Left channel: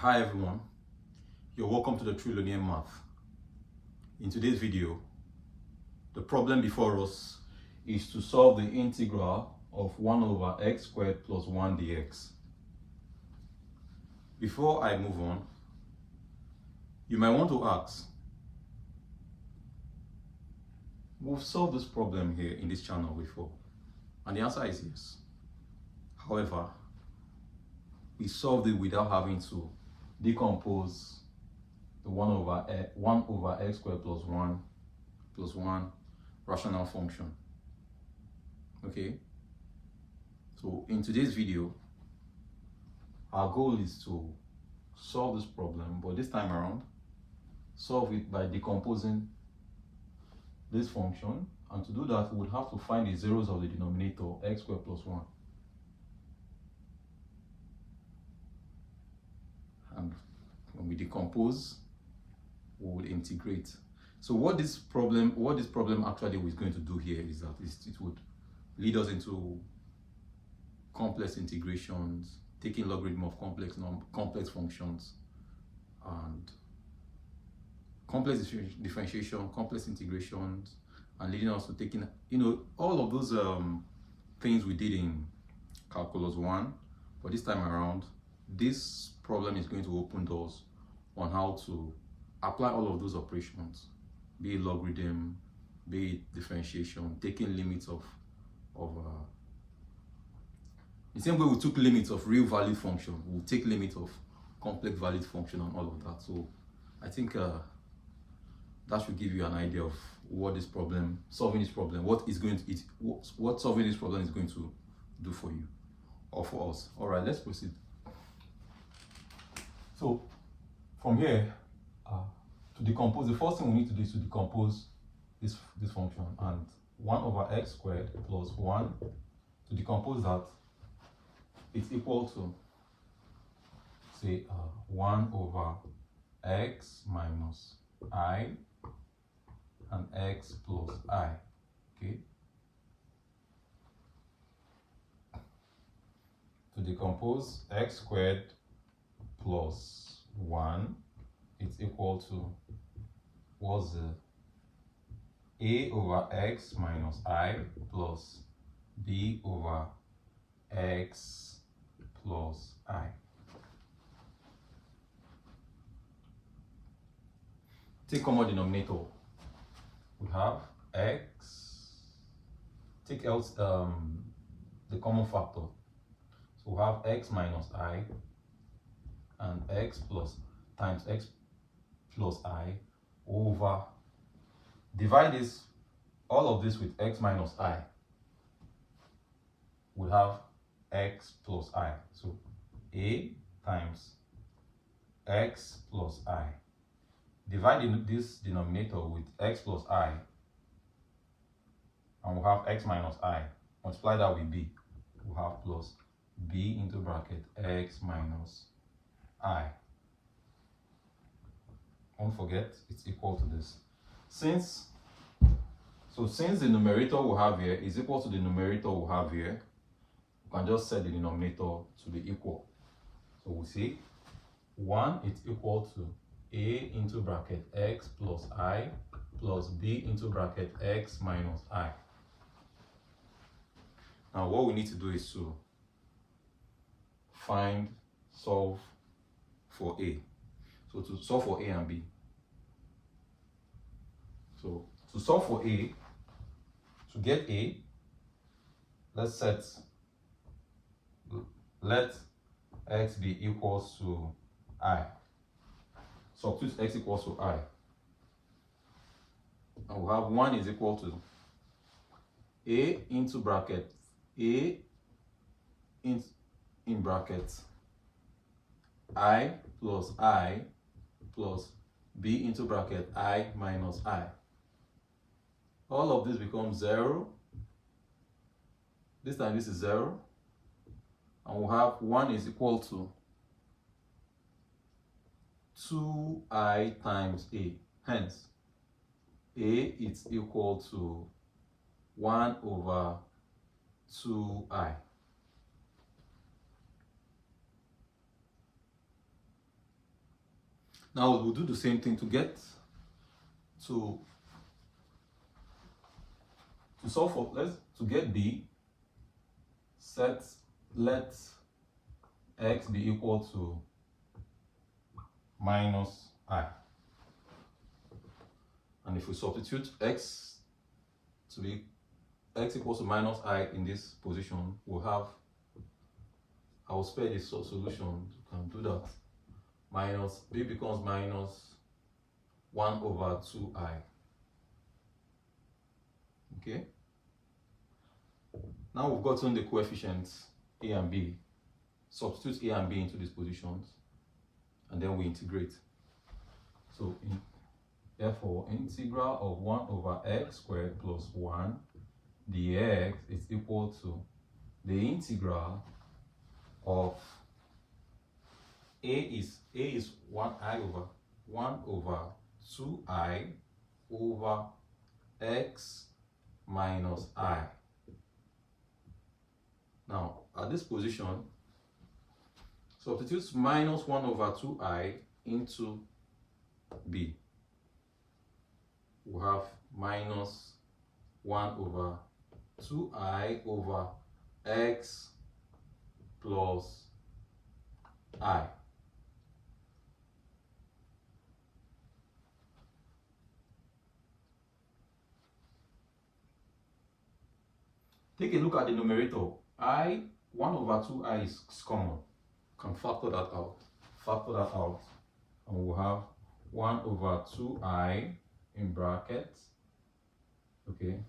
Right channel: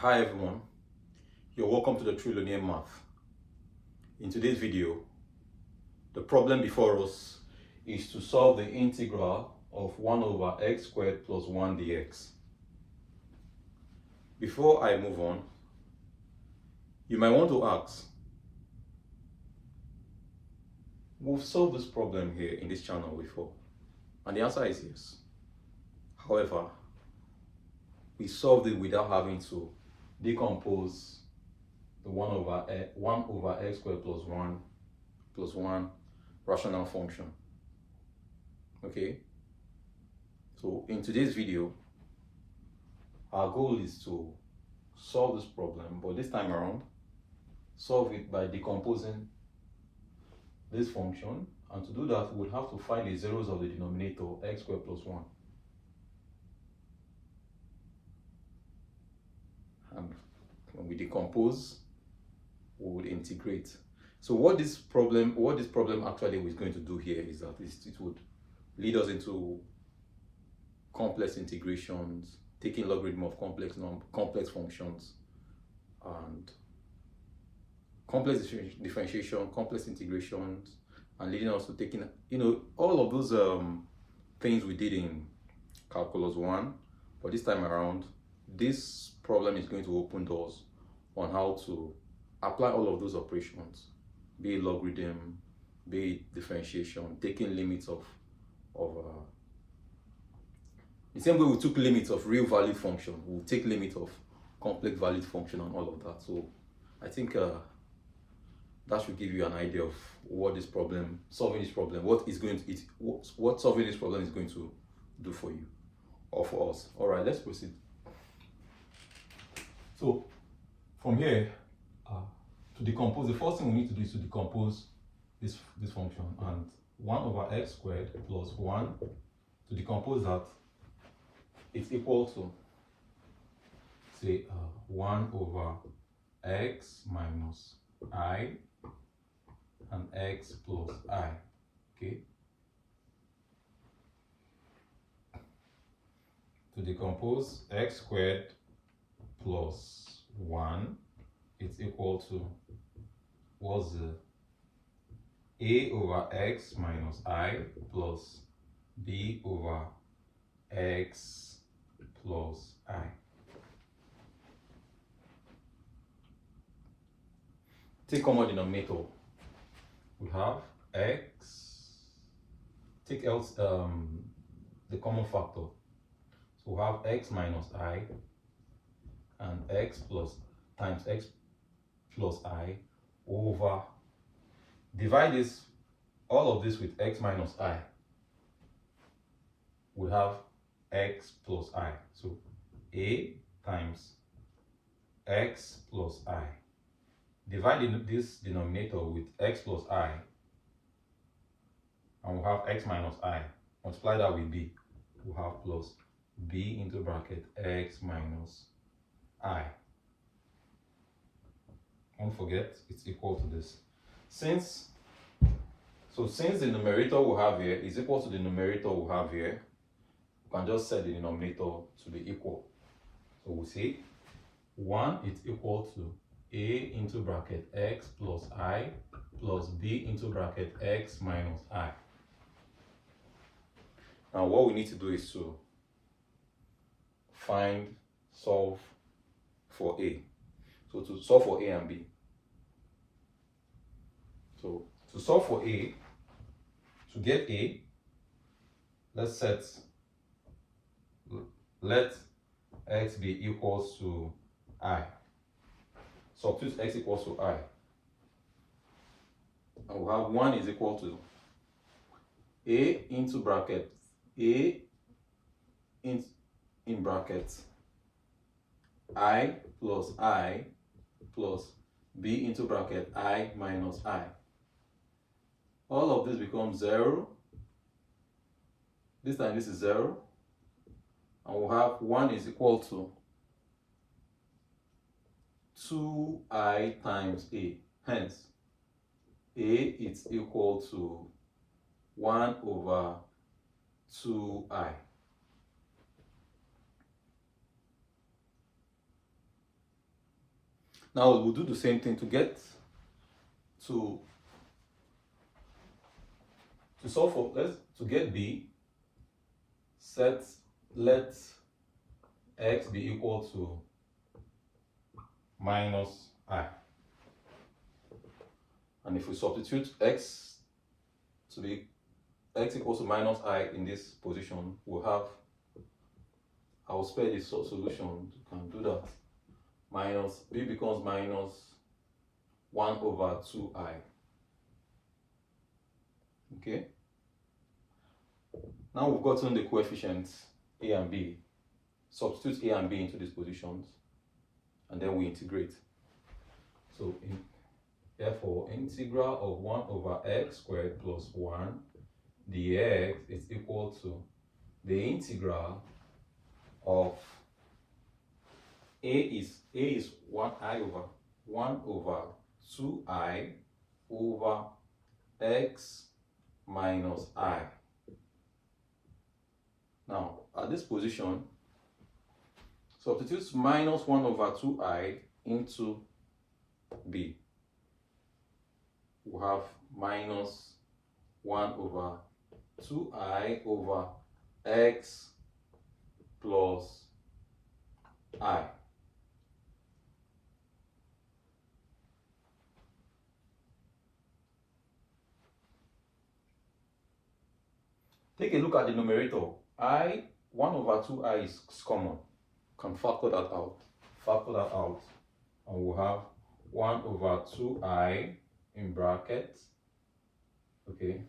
Hi everyone, you're welcome to the Trillionaire Math. In today's video, the problem before us is to solve the integral of 1 over x squared plus 1 dx. Before I move on, you might want to ask, we've solved this problem here in this channel before, and the answer is yes. However, we solved it without having to decompose the 1 over x squared plus 1 rational function. Okay, so in today's video, our goal is to solve this problem, but this time around, solve it by decomposing this function, and to do that, we'll have to find the zeros of the denominator, x squared plus 1. And when we decompose, we will integrate. So what this problem actually is going to do here is that it would lead us into complex integrations, taking logarithm of complex functions, and complex differentiation, complex integrations, and leading us to taking, all of those things we did in calculus 1, but this time around, this problem is going to open doors on how to apply all of those operations, be it logarithm, be it differentiation, taking limits of the same way we took limits of real valued function, we'll take limits of complex valued function and all of that. So I think that should give you an idea of what solving this problem is going to do for you or for us. All right, let's proceed. So from here, to decompose, the first thing we need to do is to decompose this function, and 1 over x squared plus 1, to decompose that, it's equal to, say, 1 over x minus I and x plus I, okay? To decompose x squared plus 1, it's equal to, what's the a over x minus I plus b over x plus I. Take common denominator. We have x. Take else the common factor. So we have x minus I and x plus times x plus I over, divide this, all of this with x minus I. We have x plus I. So a times x plus I. Divide this denominator with x plus I, and we'll have x minus I. Multiply that with b. We'll have plus b into bracket x minus I. Don't forget, it's equal to this. Since the numerator we have here is equal to the numerator we have here, we can just set the denominator to be equal. So we see 1 is equal to a into bracket x plus I plus b into bracket x minus I. Now what we need to do is to solve for a. So to solve for a and b. So to solve for a, to get a, let x be equals to I. Substitute x equals to I. And we'll have 1 is equal to a into bracket a in brackets I plus b into bracket I minus I. All of this becomes 0. This time this is 0. And we'll have 1 is equal to 2I times a. Hence, a is equal to 1 over 2I. Now we'll do the same thing to get to solve for to get b. Let x be equal to minus I. And if we substitute x to be x equals to minus I in this position, we'll have, I will spare this solution, you can do that. Minus b becomes minus 1 over 2I. Okay? Now we've gotten the coefficients a and b. Substitute a and b into these positions, and then we integrate. So therefore, integral of 1 over x squared plus 1 dx is equal to the integral of a is 1i over 1 over 2I over x minus I. Now, at this position, substitute minus 1 over 2I into b. We have minus 1 over 2I over x plus I. Take a look at the numerator. 1 over 2I is common. Can factor that out. Factor that out. And we'll have 1 over 2I in brackets. Okay.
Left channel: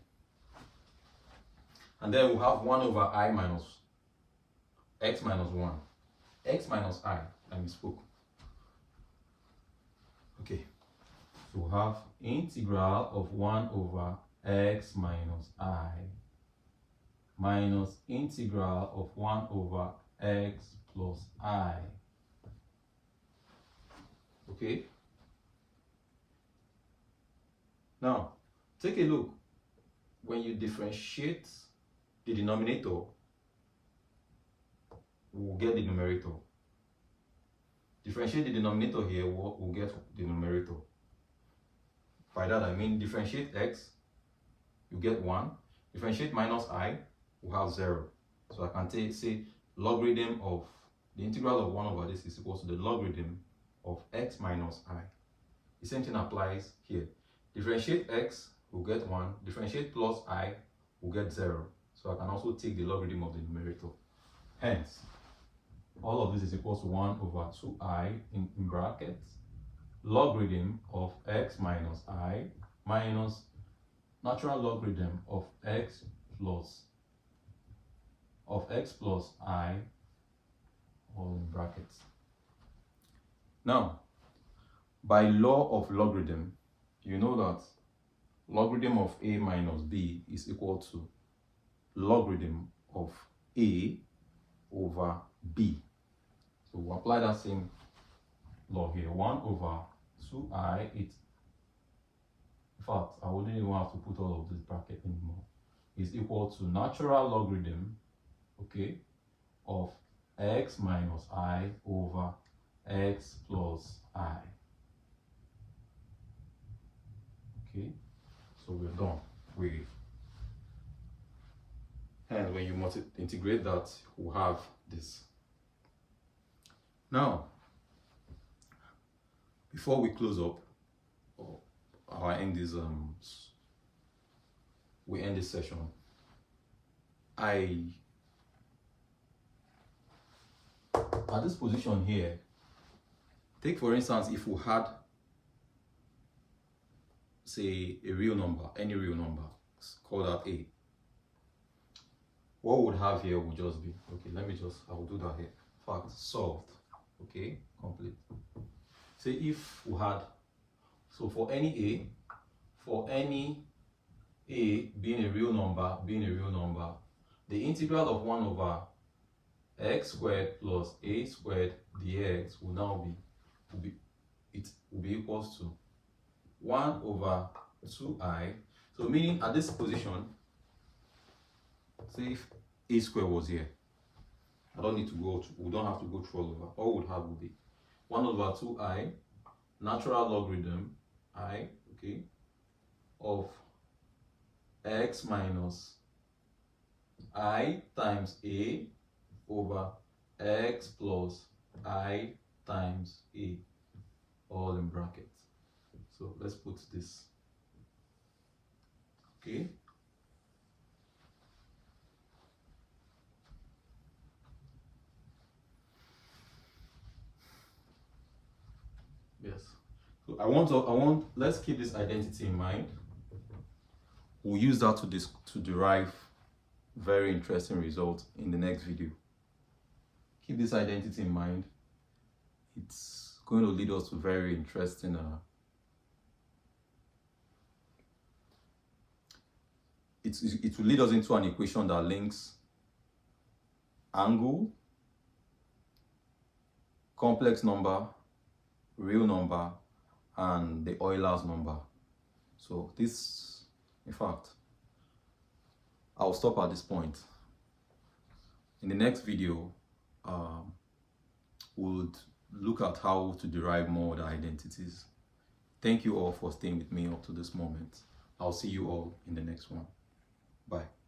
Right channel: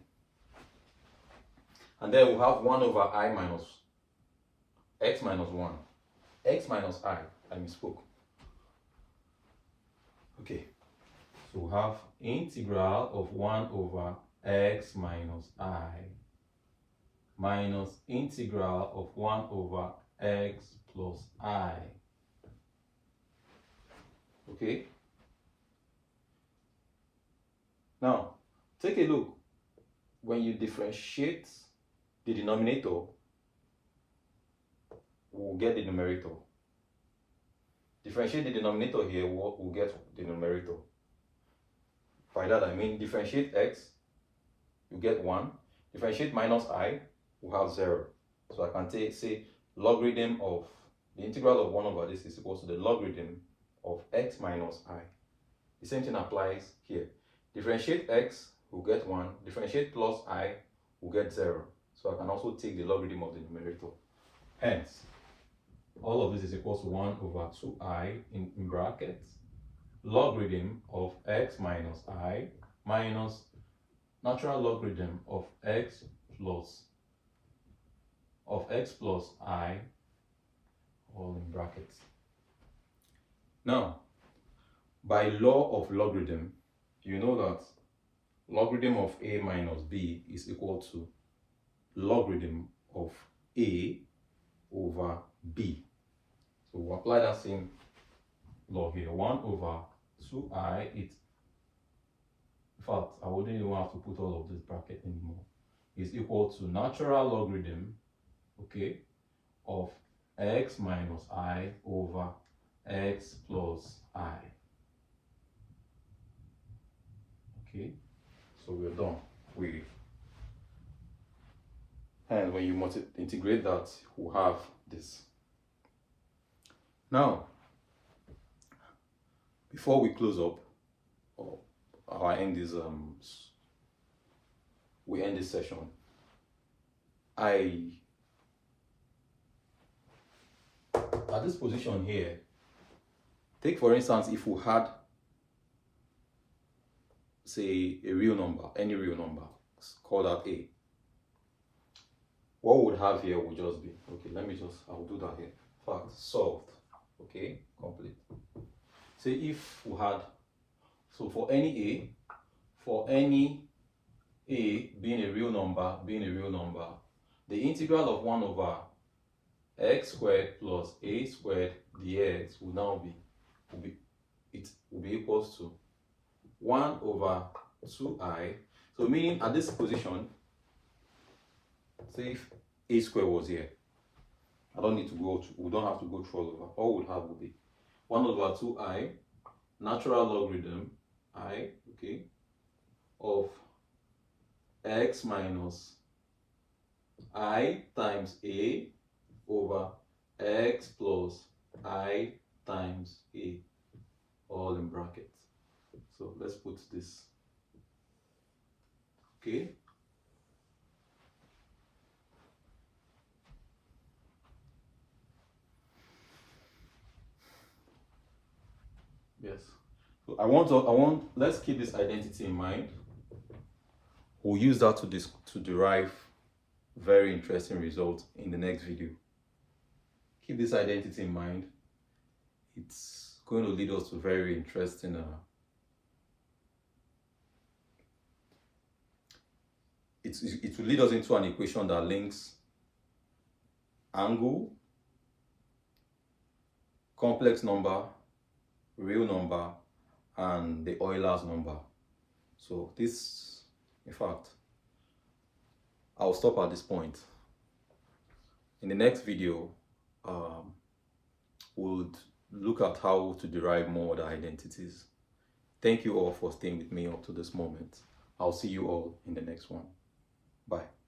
And then we'll have 1 over I minus x minus 1. X minus I misspoke. Okay. So we'll have integral of 1 over x minus I minus integral of 1 over x plus I. Okay? Now, take a look. When you differentiate the denominator, we'll get the numerator. Differentiate the denominator here, we'll get the numerator. By that I mean differentiate x, you get 1. Differentiate minus I, we'll have 0. So I can say logarithm of the integral of 1 over this is equal to the logarithm of x minus I. The same thing applies here. Differentiate x, we'll get 1. Differentiate plus I, we'll get 0. So I can also take the logarithm of the numerator. Hence, all of this is equal to 1 over 2I in brackets, logarithm of x minus I minus natural logarithm of x plus I, all in brackets. Now, by law of logarithm, you know that logarithm of a minus b is equal to logarithm of a over b. So we'll apply that same law here. 1 over 2I, in fact, I wouldn't even have to put all of this bracket anymore, is equal to natural logarithm, okay, of x minus I over x plus I. Okay, so we're done. And when you integrate that, we'll have this. Now, before we close up, or end this we end this session, at this position here, take for instance, if we had, say, a real number, any real number, call that a. What would have here would just be, okay, I'll do that here. In fact, solved, okay, complete. Say if we had, so for any a being a real number, the integral of 1 over x squared plus a squared dx will now be equals to 1 over 2I. So meaning at this position, say if a squared was here, we don't have to go through all over. All we'll have will be 1 over 2I natural logarithm I, okay, of x minus I times a over x plus I times a, all in brackets. So let's put this, okay. Yes. So let's keep this identity in mind. We'll use that to derive very interesting results in the next video. Keep this identity in mind. It's going to lead us to very interesting it will lead us into an equation that links angle, complex number, real number, and the Euler's number. So this, in fact, I'll stop at this point. In the next video, we'll look at how to derive more other identities. Thank you all for staying with me up to this moment. I'll see you all in the next one. Bye.